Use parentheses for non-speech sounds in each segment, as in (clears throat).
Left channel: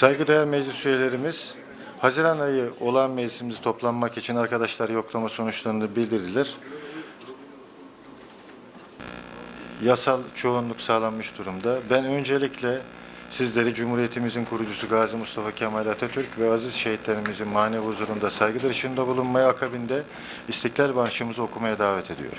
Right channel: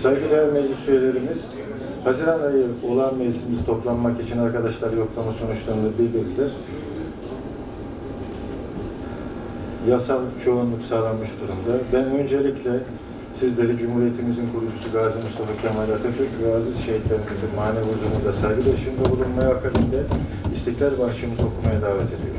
Saygıdeğer meclis üyelerimiz, Haziran ayı olağan meclisimizi toplanmak için arkadaşlar yoklama sonuçlarını bildirdiler. Yasal çoğunluk sağlanmış durumda. Ben öncelikle sizleri Cumhuriyetimizin kurucusu Gazi Mustafa Kemal Atatürk ve aziz şehitlerimizin manevi huzurunda saygı ışığında bulunmaya akabinde İstiklal Marşımızı okumaya davet ediyorum.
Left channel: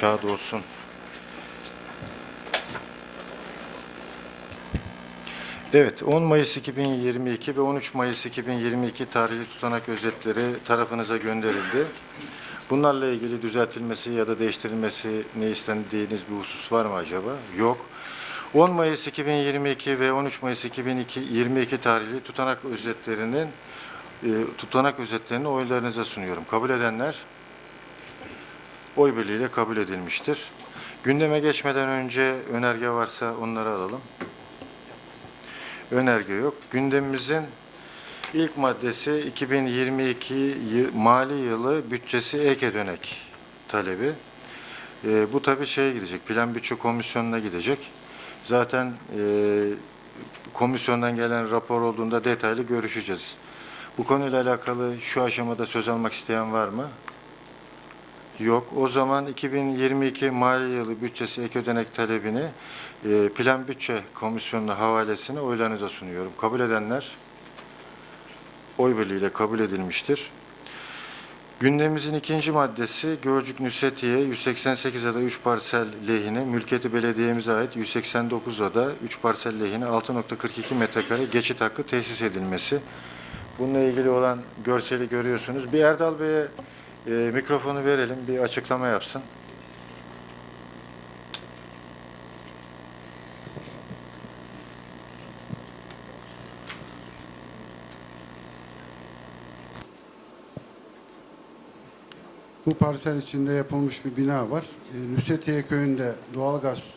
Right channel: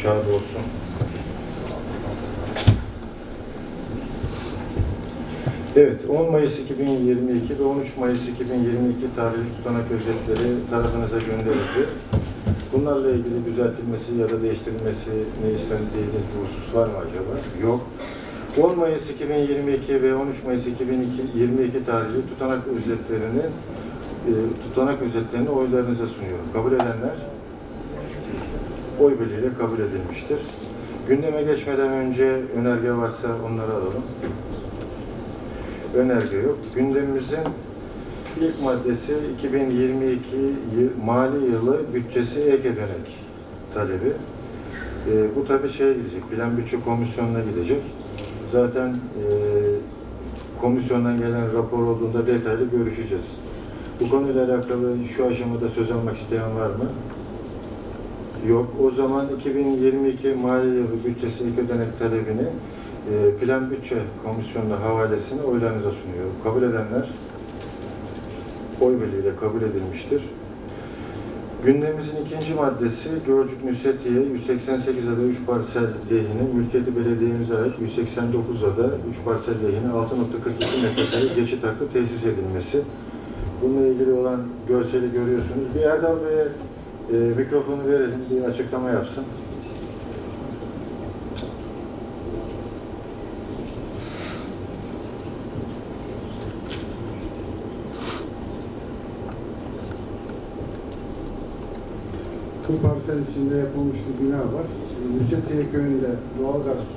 Şad olsun. Evet, 10 Mayıs 2022 ve 13 Mayıs 2022 tarihi tutanak özetleri tarafınıza gönderildi. Bunlarla ilgili düzeltilmesi ya da değiştirilmesi ne istendiğiniz bir husus var mı acaba? Yok. 10 Mayıs 2022 ve 13 Mayıs 2022 tarihli tutanak özetlerinin e, tutanak özetlerini oylarınıza sunuyorum. Kabul edenler oy birliğiyle kabul edilmiştir. Gündeme geçmeden önce önerge varsa onları alalım. Önerge yok. Gündemimizin ilk maddesi 2022 yı- mali yılı bütçesi ek ödenek talebi. Ee, bu tabii şeye gidecek, Plan Bütçe Komisyonu'na gidecek. Zaten e, komisyondan gelen rapor olduğunda detaylı görüşeceğiz. Bu konuyla alakalı şu aşamada söz almak isteyen var mı? Yok. O zaman 2022 mali yılı bütçesi ek ödenek talebini e, Plan Bütçe Komisyonu'na havalesini oylarınıza sunuyorum. Kabul edenler oy birliğiyle kabul edilmiştir. Gündemimizin ikinci maddesi Gölcük Nüsetiye 188 ada 3 parsel lehine mülkiyeti belediyemize ait 189 ada 3 parsel lehine 6.42 metrekare geçit hakkı tesis edilmesi. Bununla ilgili olan görseli görüyorsunuz. Bir Erdal Bey'e e, mikrofonu verelim, bir açıklama yapsın. Bu parsel içinde yapılmış bir bina var. Nusretiye köyünde doğalgaz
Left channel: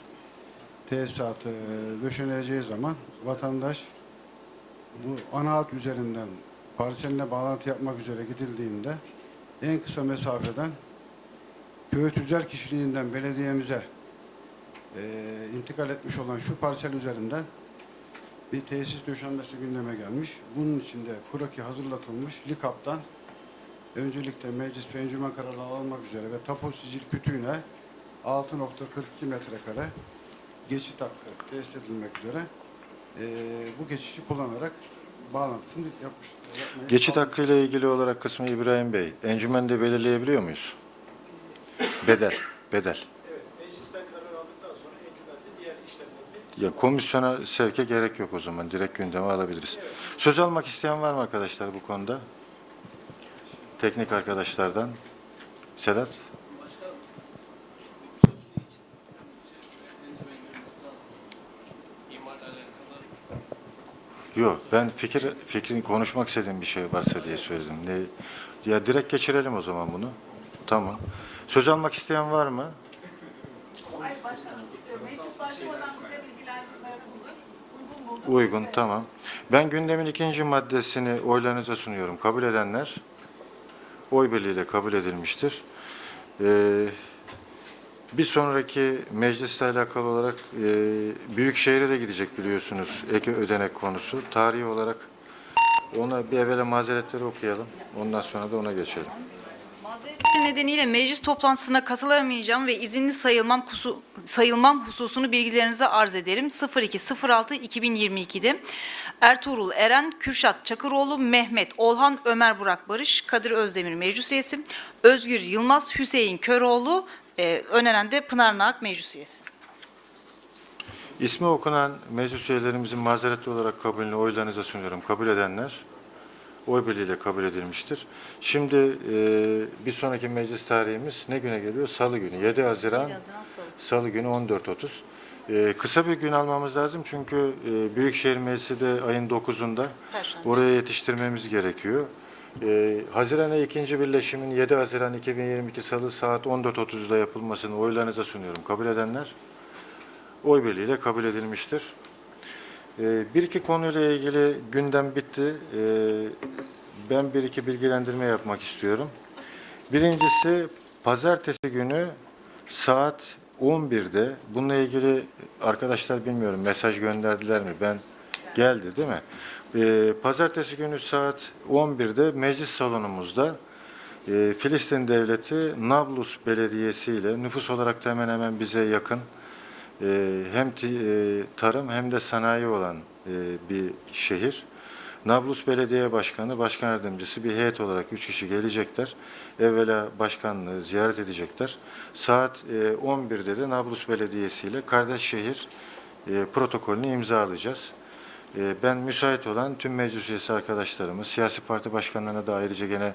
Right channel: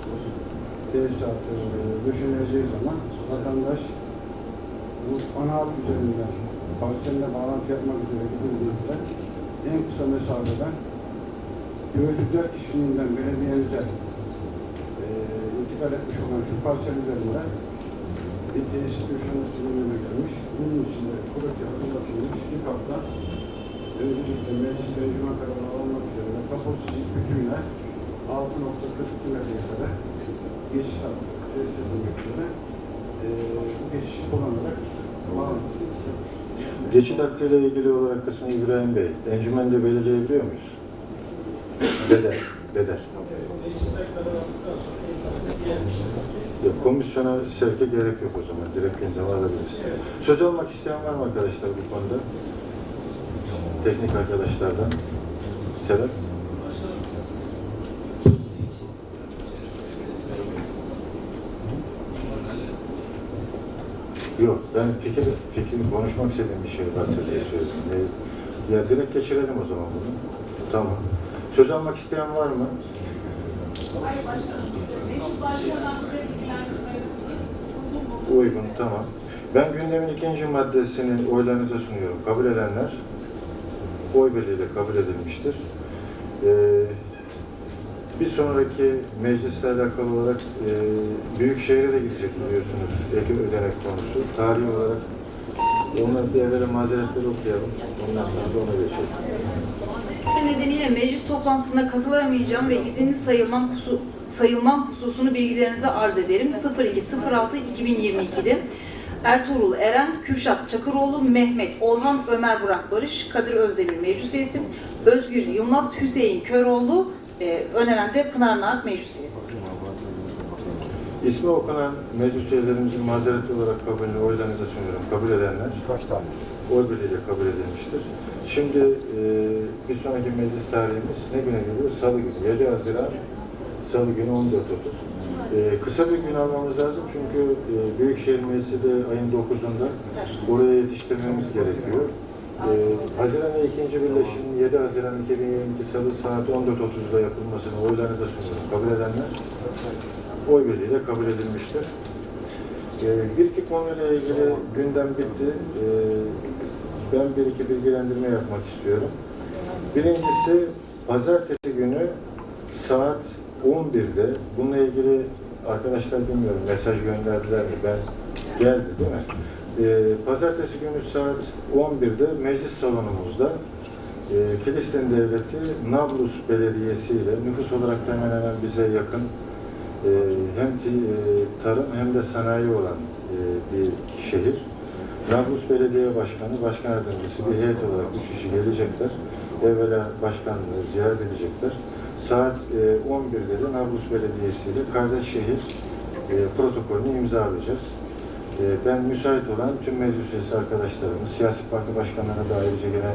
tesisatı e, döşeneceği zaman vatandaş bu ana üzerinden parseline bağlantı yapmak üzere gidildiğinde en kısa mesafede köy tüzel kişiliğinden belediyemize e, intikal etmiş olan şu parsel üzerinde bir tesis döşenmesi gündeme gelmiş. Bunun için de kroki hazırlatılmış. LİKAP'tan öncelikle meclis ve encümen kararı alınmak üzere ve tapusu bütünle 6.42 metrekare geçit hakkı tesis edilmek üzere e, bu geçişi kullanarak bağlantısını yapmış. Geçit hakkı ile ilgili olarak kısmı İbrahim Bey, encümende belirleyebiliyor muyuz? Bedel, bedel. Ya komisyona sevke gerek yok o zaman. Direkt gündeme alabiliriz. Söz almak isteyen var mı arkadaşlar bu konuda? Teknik arkadaşlardan. Sedat? Yok, ben fikir fikrini konuşmak istediğim bir şey varsa diye söyledim. Ne- Ya direkt geçirelim o zaman bunu. Tamam. Söz almak isteyen var mı? Uygun, tamam. Ben gündemin ikinci maddesini oylarınıza sunuyorum. Kabul edenler oy birliğiyle kabul edilmiştir. Ee, bir sonraki meclisle alakalı olarak e, Büyükşehir'e de gidecek biliyorsunuz ek ödenek konusu. Tarihi olarak ona bir evvela mazeretleri okuyalım. Ondan sonra da ona geçelim. nedeniyle meclis toplantısına katılamayacağım ve izinli sayılmam, husu, sayılmam hususunu bilgilerinize arz ederim. 02.06.2022'de Ertuğrul Eren, Kürşat Çakıroğlu, Mehmet Olhan, Ömer Burak Barış, Kadir Özdemir meclis üyesi, Özgür Yılmaz, Hüseyin Köroğlu, e, öneren de Pınar Naak meclis üyesi. İsmi okunan meclis üyelerimizin mazeretli olarak kabulünü oylarınıza sunuyorum. Kabul edenler Kaç tane? oy birliğiyle kabul edilmiştir. Şimdi e, bir sonraki meclis tarihimiz ne güne geliyor? Salı günü. 7 Haziran Salı günü 14.30. E, kısa bir gün almamız lazım çünkü e, Büyükşehir Meclisi de ayın 9'unda oraya yetiştirmemiz gerekiyor. E, Haziran ikinci birleşimin 7 Haziran 2022 Salı saat 14.30'da yapılmasını oylarınıza sunuyorum. Kabul edenler oy birliğiyle kabul edilmiştir. Ee, Bir iki konuyla ilgili gündem bitti. Ee, Ben bir iki bilgilendirme yapmak istiyorum. Birincisi pazartesi günü saat 11'de bununla ilgili arkadaşlar bilmiyorum mesaj gönderdiler mi? Ben geldi değil mi? Ee, Pazartesi günü saat 11'de meclis salonumuzda e, Filistin Devleti Nablus Belediyesi ile nüfus olarak hemen hemen bize yakın e, hem tarım hem de sanayi olan bir şehir. Nablus Belediye Başkanı, Başkan Yardımcısı bir heyet olarak üç kişi gelecekler. Evvela başkanlığı ziyaret edecekler. Saat e, 11'de de Nablus Belediyesi ile kardeş şehir protokolünü imzalayacağız. E, ben müsait olan tüm meclis üyesi arkadaşlarımız, siyasi parti başkanlarına da ayrıca gene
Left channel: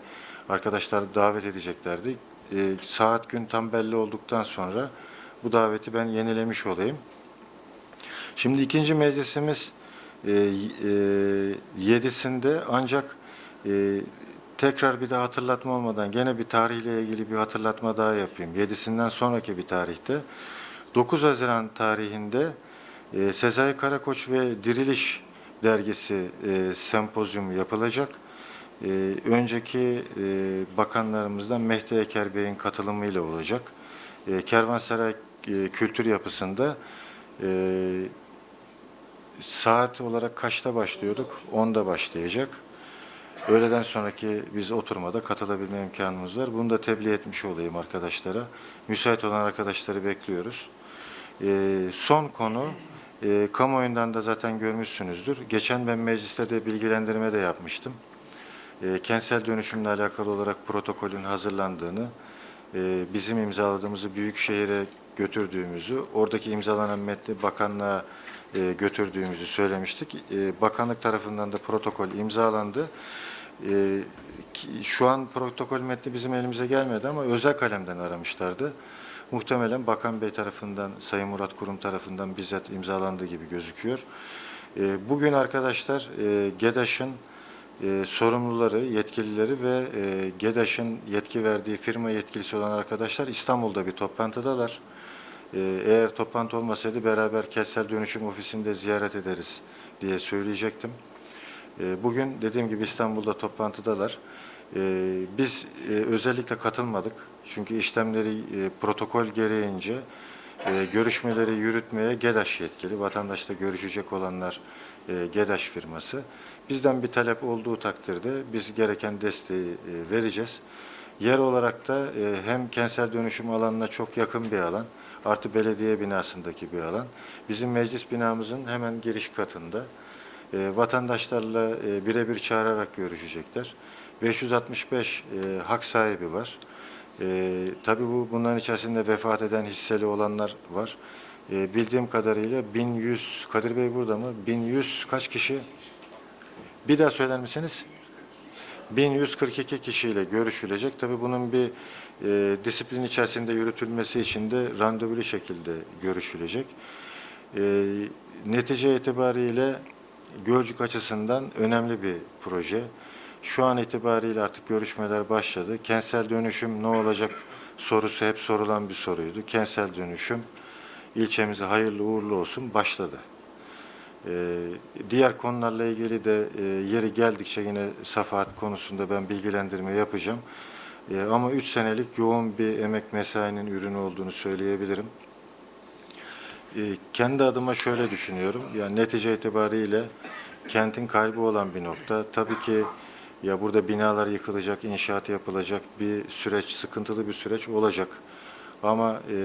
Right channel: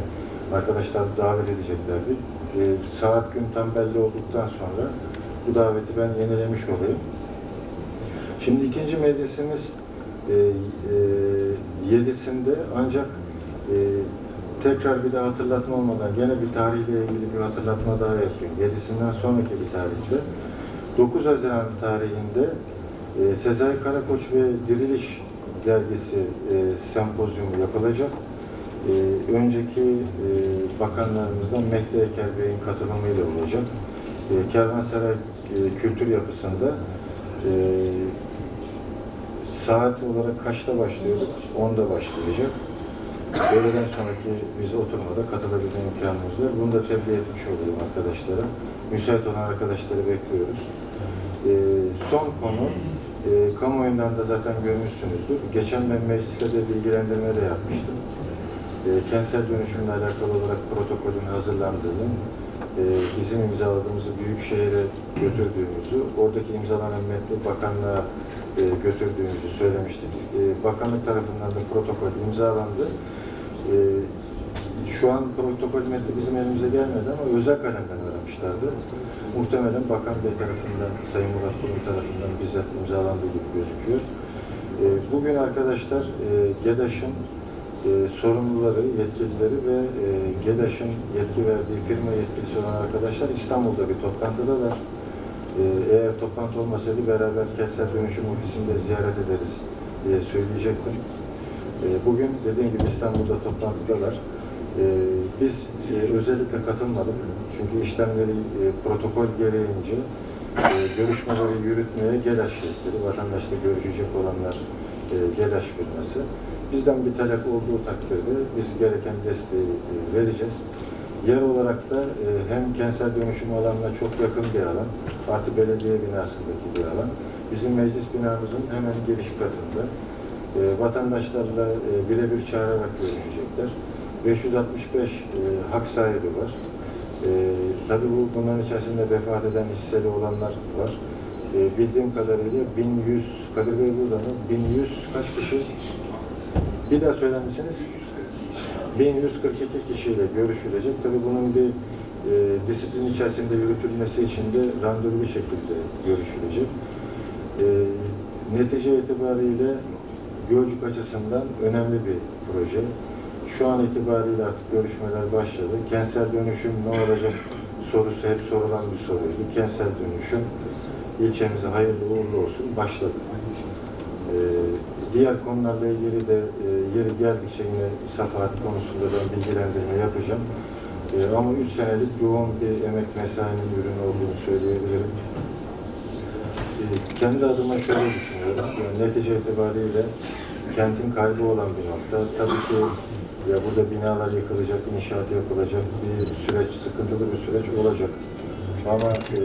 arkadaşlar davet edeceklerdi. E, saat gün tam belli olduktan sonra bu daveti ben yenilemiş olayım. Şimdi ikinci meclisimiz e, e, yedisinde ancak e, tekrar bir daha hatırlatma olmadan gene bir tarihle ilgili bir hatırlatma daha yapayım. Yedisinden sonraki bir tarihte 9 Haziran tarihinde Sezai Karakoç ve Diriliş dergisi e, sempozyum yapılacak. E, önceki e, bakanlarımızdan Mehdi Eker Bey'in katılımıyla olacak. E, Kervansaray e, kültür yapısında e, saat olarak kaçta başlıyorduk? 10'da başlayacak. Öğleden sonraki biz oturmada katılabilme imkanımız var. Bunu da tebliğ etmiş olayım arkadaşlara. Müsait olan arkadaşları bekliyoruz. E, son konu, e, kamuoyundan da zaten görmüşsünüzdür. Geçen ben mecliste de bilgilendirme de yapmıştım. E, kentsel dönüşümle alakalı olarak protokolün hazırlandığını, e, bizim imzaladığımızı Büyükşehir'e götürdüğümüzü, oradaki imzalanan metni bakanlığa e, götürdüğümüzü söylemiştik. E, bakanlık tarafından da protokol imzalandı. E, şu an protokol metni bizim elimize gelmedi ama özel kalemden aramışlardı. Muhtemelen Bakan Bey tarafından, Sayın Murat Kurum tarafından bizzat imzalandığı gibi gözüküyor. E, bugün arkadaşlar e, GEDAŞ'ın e, sorumluları, yetkilileri ve e, GEDAŞ'ın yetki verdiği firma yetkilisi olan arkadaşlar İstanbul'da bir toplantıdalar. E, eğer toplantı olmasaydı beraber kentsel dönüşüm ofisinde ziyaret ederiz diye söyleyecektim. E, bugün dediğim gibi İstanbul'da toplantıdalar. E, biz e, özellikle katılmadık. Çünkü işlemleri e, protokol gereğince e, görüşmeleri yürütmeye GEDAŞ yetkili. Vatandaşla görüşecek olanlar GEDAŞ firması. Bizden bir talep olduğu takdirde biz gereken desteği vereceğiz. Yer olarak da hem kentsel dönüşüm alanına çok yakın bir alan, artı belediye binasındaki bir alan. Bizim meclis binamızın hemen giriş katında vatandaşlarla birebir çağırarak görüşecekler. 565 e, hak sahibi var. E, tabii bu bunların içerisinde vefat eden hisseli olanlar var. E, bildiğim kadarıyla 1100, Kadir Bey burada mı? 1100 kaç kişi? Bir daha söyler misiniz? 1142 kişiyle görüşülecek. Tabii bunun bir e, disiplin içerisinde yürütülmesi için de randevulu şekilde görüşülecek. E, netice itibariyle Gölcük açısından önemli bir proje. Şu an itibariyle artık görüşmeler başladı. Kentsel dönüşüm ne olacak sorusu hep sorulan bir soruydu. Kentsel dönüşüm ilçemize hayırlı uğurlu olsun başladı. Ee, diğer konularla ilgili de e, yeri geldikçe yine safahat konusunda ben bilgilendirme yapacağım. E, ama 3 senelik yoğun bir emek mesainin ürünü olduğunu söyleyebilirim. E, kendi adıma şöyle düşünüyorum. Yani netice itibariyle kentin kaybı olan bir nokta. Tabii ki ya burada binalar yıkılacak, inşaat yapılacak bir süreç, sıkıntılı bir süreç olacak. Ama e,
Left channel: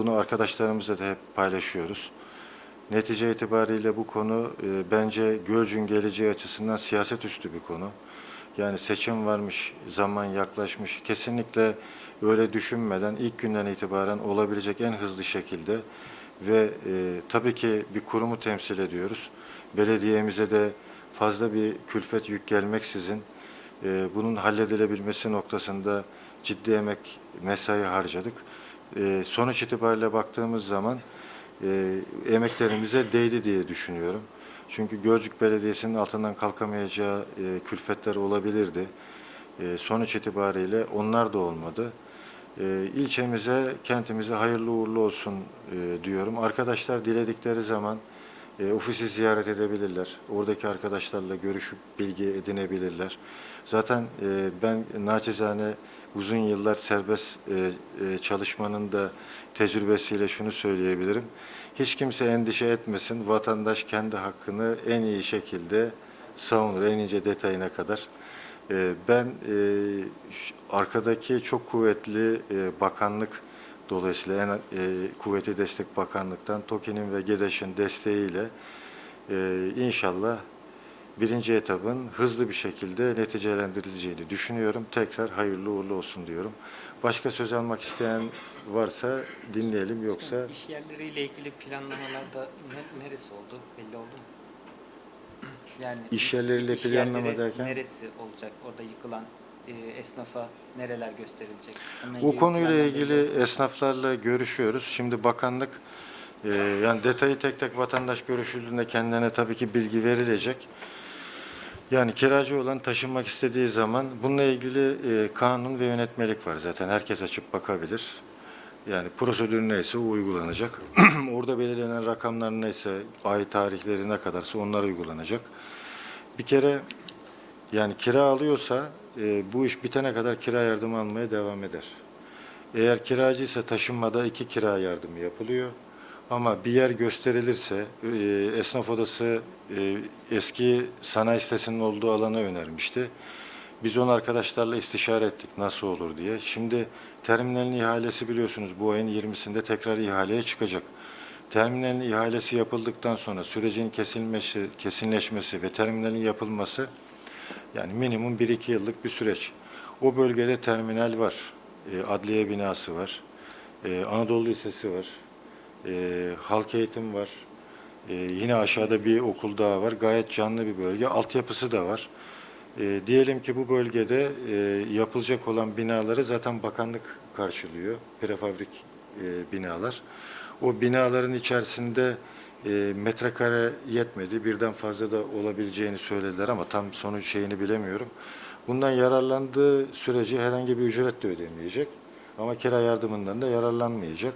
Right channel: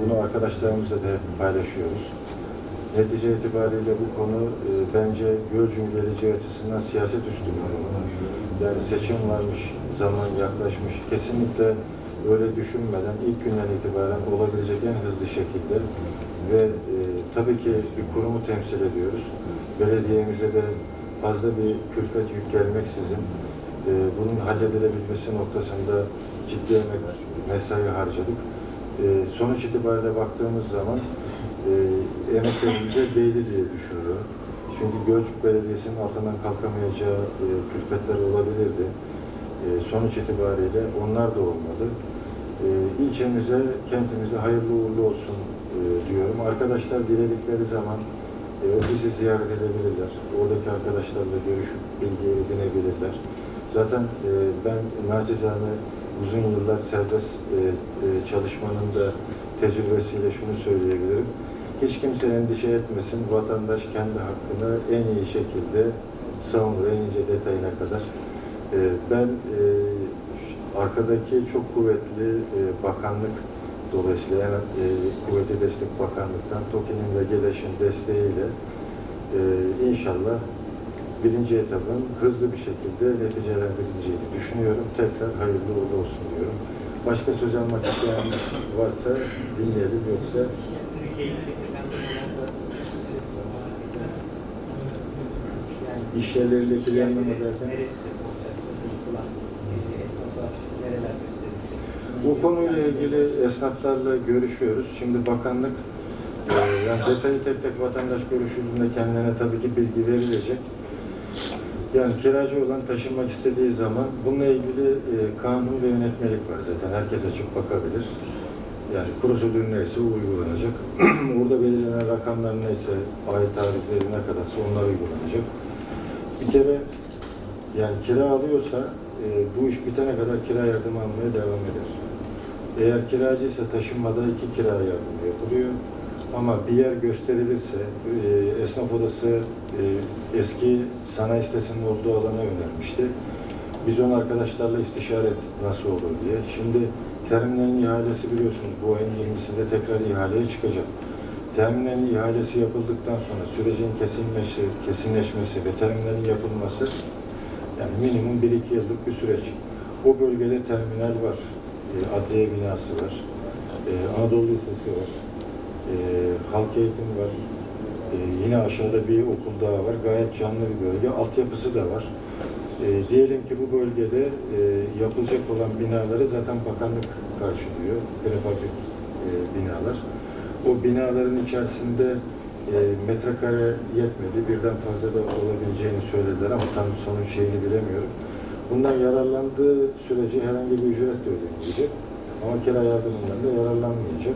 bunu arkadaşlarımızla da paylaşıyoruz. Netice itibariyle bu konu e, bence Gölcük'ün geleceği açısından siyaset üstü bir konu. Yani seçim varmış, zaman yaklaşmış. Kesinlikle öyle düşünmeden ilk günden itibaren olabilecek en hızlı şekilde ve e, tabii ki bir kurumu temsil ediyoruz. Belediyemize de fazla bir külfet yük gelmeksizin e, bunun halledilebilmesi noktasında ciddi emek, mesai harcadık. E, sonuç itibariyle baktığımız zaman e, emeklerimize değdi diye düşünüyorum. Çünkü Gölcük Belediyesi'nin altından kalkamayacağı e, külfetler olabilirdi. E, sonuç itibariyle onlar da olmadı. E, ilçemize, kentimize hayırlı uğurlu olsun e, diyorum. Arkadaşlar diledikleri zaman e, ofisi ziyaret edebilirler. Oradaki arkadaşlarla görüşüp bilgi edinebilirler. Zaten e, ben naçizane uzun yıllar serbest e, e, çalışmanın da tecrübesiyle şunu söyleyebilirim. Hiç kimse endişe etmesin. Vatandaş kendi hakkını en iyi şekilde savunur, en ince detayına kadar. E, ben e, arkadaki çok kuvvetli e, bakanlık dolayısıyla en e, kuvvetli destek bakanlıktan TOKİ'nin ve GEDEŞ'in desteğiyle e, inşallah birinci etabın hızlı bir şekilde neticelendirileceğini düşünüyorum. Tekrar hayırlı uğurlu olsun diyorum. Başka söz almak isteyen varsa dinleyelim yoksa iş yerleriyle planlama derken neresi olacak orada yıkılan e, esnafa nereler gösterilecek? bu konuyla ilgili esnaflarla görüşüyoruz. Şimdi bakanlık e, yani detayı tek tek vatandaş görüşüldüğünde kendine tabii ki bilgi verilecek. Yani kiracı olan taşınmak istediği zaman bununla ilgili e, kanun ve yönetmelik var zaten. Herkes açıp bakabilir. Yani prosedür neyse o uygulanacak. (clears throat) Orada belirlenen rakamlar neyse, ay tarihleri ne kadarsa onlar uygulanacak. Bir kere yani kira alıyorsa e, bu iş bitene kadar kira yardımı almaya devam eder. Eğer kiracıysa taşınmada iki kira yardımı yapılıyor. Ama bir yer gösterilirse, e, esnaf odası e, eski sanayi sitesinin olduğu alanı önermişti. Biz onu arkadaşlarla istişare ettik nasıl olur diye. Şimdi terminalin ihalesi biliyorsunuz bu ayın 20'sinde tekrar ihaleye çıkacak. Terminalin ihalesi yapıldıktan sonra sürecin kesilmesi, kesinleşmesi ve terminalin yapılması yani minimum 1-2 yıllık bir süreç. O bölgede terminal var, e, adliye binası var, e, Anadolu Lisesi var, e, halk eğitim var, e, yine aşağıda bir okul daha var. Gayet canlı bir bölge. Altyapısı da var. E, diyelim ki bu bölgede e, yapılacak olan binaları zaten bakanlık karşılıyor. Prefabrik e, binalar. O binaların içerisinde e, metrekare yetmedi. Birden fazla da olabileceğini söylediler ama tam sonuç şeyini bilemiyorum. Bundan yararlandığı sürece herhangi bir ücret de ödemeyecek. Ama kira yardımından da yararlanmayacak.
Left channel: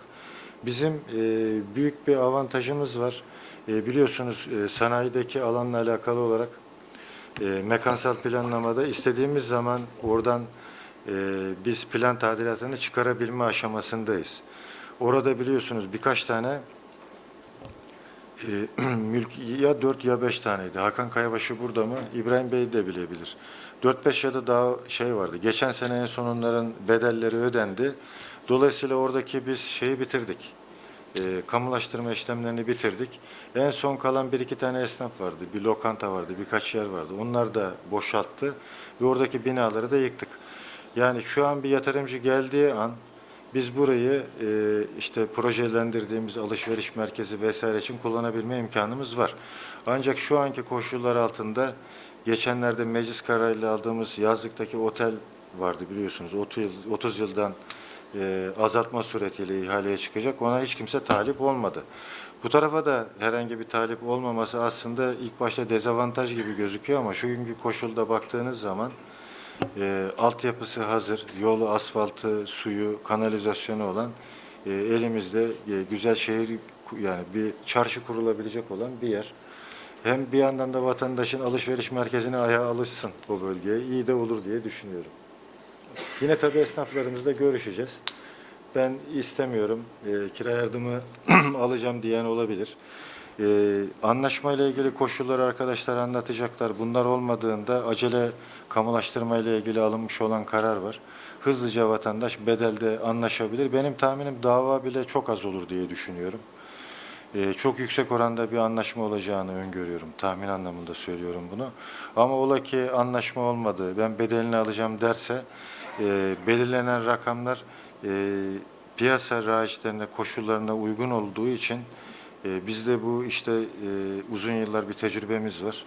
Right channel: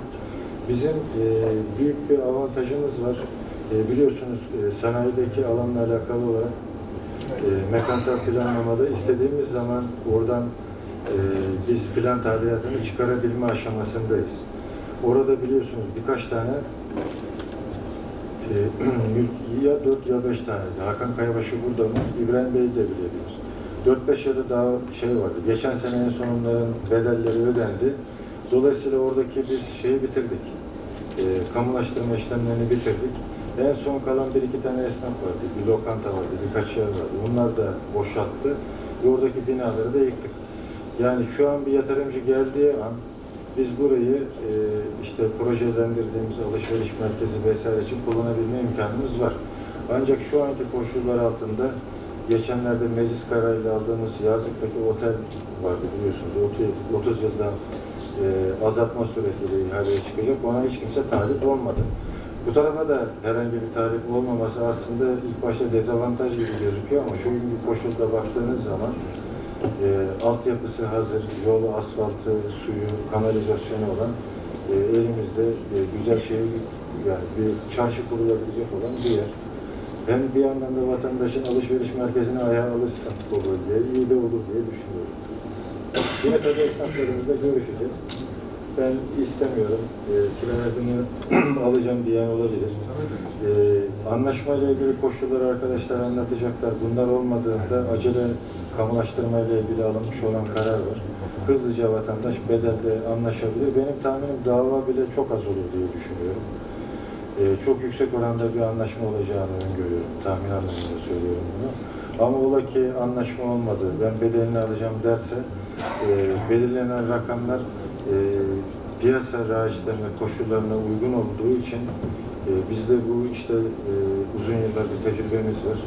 Bizim e, büyük bir avantajımız var. E, biliyorsunuz e, sanayideki alanla alakalı olarak e, mekansal planlamada istediğimiz zaman oradan e, biz plan tadilatını çıkarabilme aşamasındayız. Orada biliyorsunuz birkaç tane e, (clears throat) ya dört ya beş taneydi. Hakan Kayabaşı burada mı? İbrahim Bey de bilebilir. 4-5 ya da daha şey vardı. Geçen sene en bedelleri ödendi. Dolayısıyla oradaki biz şeyi bitirdik. E, kamulaştırma işlemlerini bitirdik. En son kalan bir iki tane esnaf vardı. Bir lokanta vardı, birkaç yer vardı. Onlar da boşalttı ve oradaki binaları da yıktık. Yani şu an bir yatırımcı geldiği an biz burayı e, işte projelendirdiğimiz alışveriş merkezi vesaire için kullanabilme imkanımız var. Ancak şu anki koşullar altında geçenlerde meclis kararıyla aldığımız yazlıktaki otel vardı biliyorsunuz 30, yıl, 30 yıldan e, azaltma suretiyle ihaleye çıkacak. Ona hiç kimse talip olmadı. Bu tarafa da herhangi bir talip olmaması aslında ilk başta dezavantaj gibi gözüküyor ama şu günkü koşulda baktığınız zaman e, altyapısı hazır, yolu, asfaltı, suyu, kanalizasyonu olan e, elimizde e, güzel şehir yani bir çarşı kurulabilecek olan bir yer. Hem bir yandan da vatandaşın alışveriş merkezine ayağa alışsın o bölgeye. iyi de olur diye düşünüyorum. Yine tabii esnaflarımızla görüşeceğiz. Ben istemiyorum, e, kira yardımı (clears throat) alacağım diyen olabilir. E, anlaşmayla ilgili koşulları arkadaşlar anlatacaklar. Bunlar olmadığında acele kamulaştırmayla ilgili alınmış olan karar var. Hızlıca vatandaş bedelde anlaşabilir. Benim tahminim dava bile çok az olur diye düşünüyorum. E, çok yüksek oranda bir anlaşma olacağını öngörüyorum. Tahmin anlamında söylüyorum bunu. Ama ola ki anlaşma olmadı, ben bedelini alacağım derse e, belirlenen rakamlar e, piyasa rağişlerine, koşullarına uygun olduğu için e, bizde bu işte e, uzun yıllar bir tecrübemiz var.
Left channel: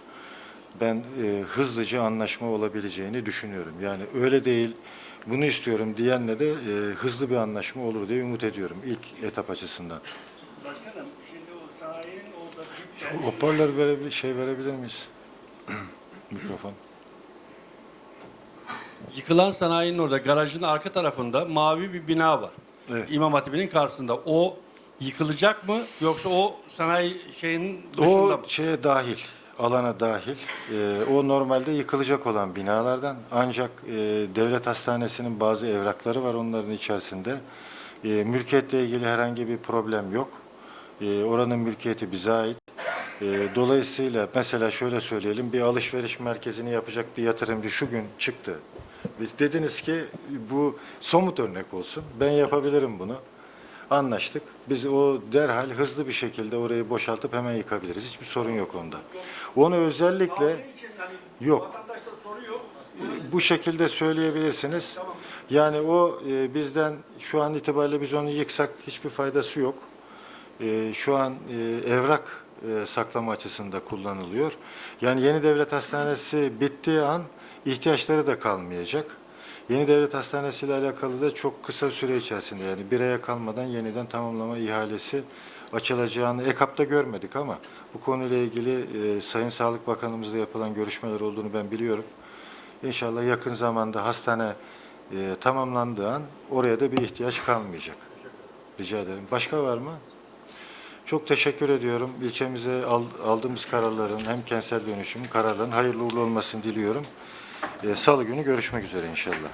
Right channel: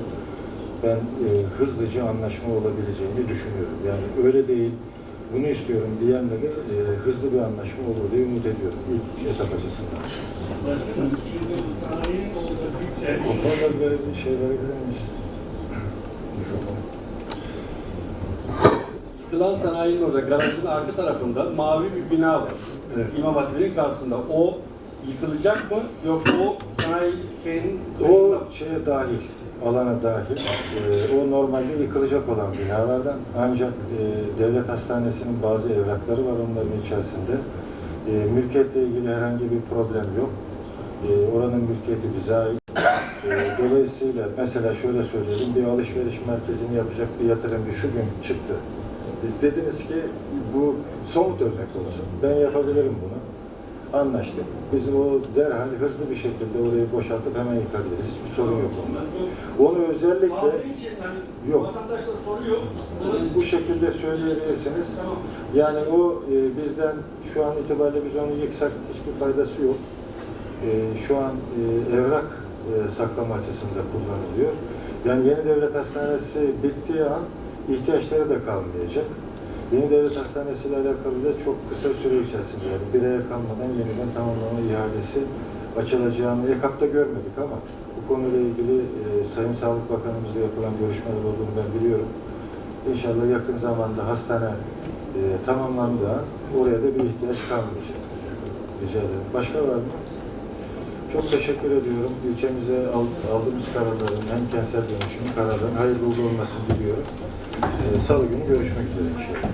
Ben e, hızlıca anlaşma olabileceğini düşünüyorum. Yani öyle değil, bunu istiyorum diyenle de e, hızlı bir anlaşma olur diye umut ediyorum ilk etap açısından. Hoparlör bir şey verebilir miyiz? Yıkılan sanayinin orada garajın arka tarafında mavi bir bina var. Evet. İmam Hatibi'nin karşısında. O yıkılacak mı yoksa o sanayi şeyinin O dışında mı? şeye dahil, alana dahil. Ee, o normalde yıkılacak olan binalardan. Ancak e, devlet hastanesinin bazı evrakları var onların içerisinde. E, mülkiyetle ilgili herhangi bir problem yok. E, oranın mülkiyeti bize ait. E, dolayısıyla mesela şöyle söyleyelim, bir alışveriş merkezini yapacak bir yatırımcı şu gün çıktı. Biz dediniz ki bu somut örnek olsun. Ben yapabilirim bunu. Anlaştık. Biz o derhal hızlı bir şekilde orayı boşaltıp hemen yıkabiliriz. Hiçbir sorun yok onda. Onu özellikle yok. Bu şekilde söyleyebilirsiniz. Yani o e, bizden şu an itibariyle biz onu yıksak hiçbir faydası yok. E, şu an e, evrak e, saklama açısında kullanılıyor. Yani yeni devlet hastanesi bittiği an ihtiyaçları da kalmayacak. Yeni devlet hastanesi ile alakalı da çok kısa süre içerisinde yani bir aya kalmadan yeniden tamamlama ihalesi açılacağını EKAP'ta görmedik ama bu konuyla ilgili e, Sayın Sağlık Bakanımızla yapılan görüşmeler olduğunu ben biliyorum. İnşallah yakın zamanda hastane e, tamamlandığı an oraya da bir ihtiyaç kalmayacak. Rica ederim. Başka var mı? Çok teşekkür ediyorum. İlçemize al- aldığımız kararların hem kentsel dönüşümün kararların hayırlı uğurlu olmasını diliyorum. Ee, Salı günü görüşmek üzere inşallah.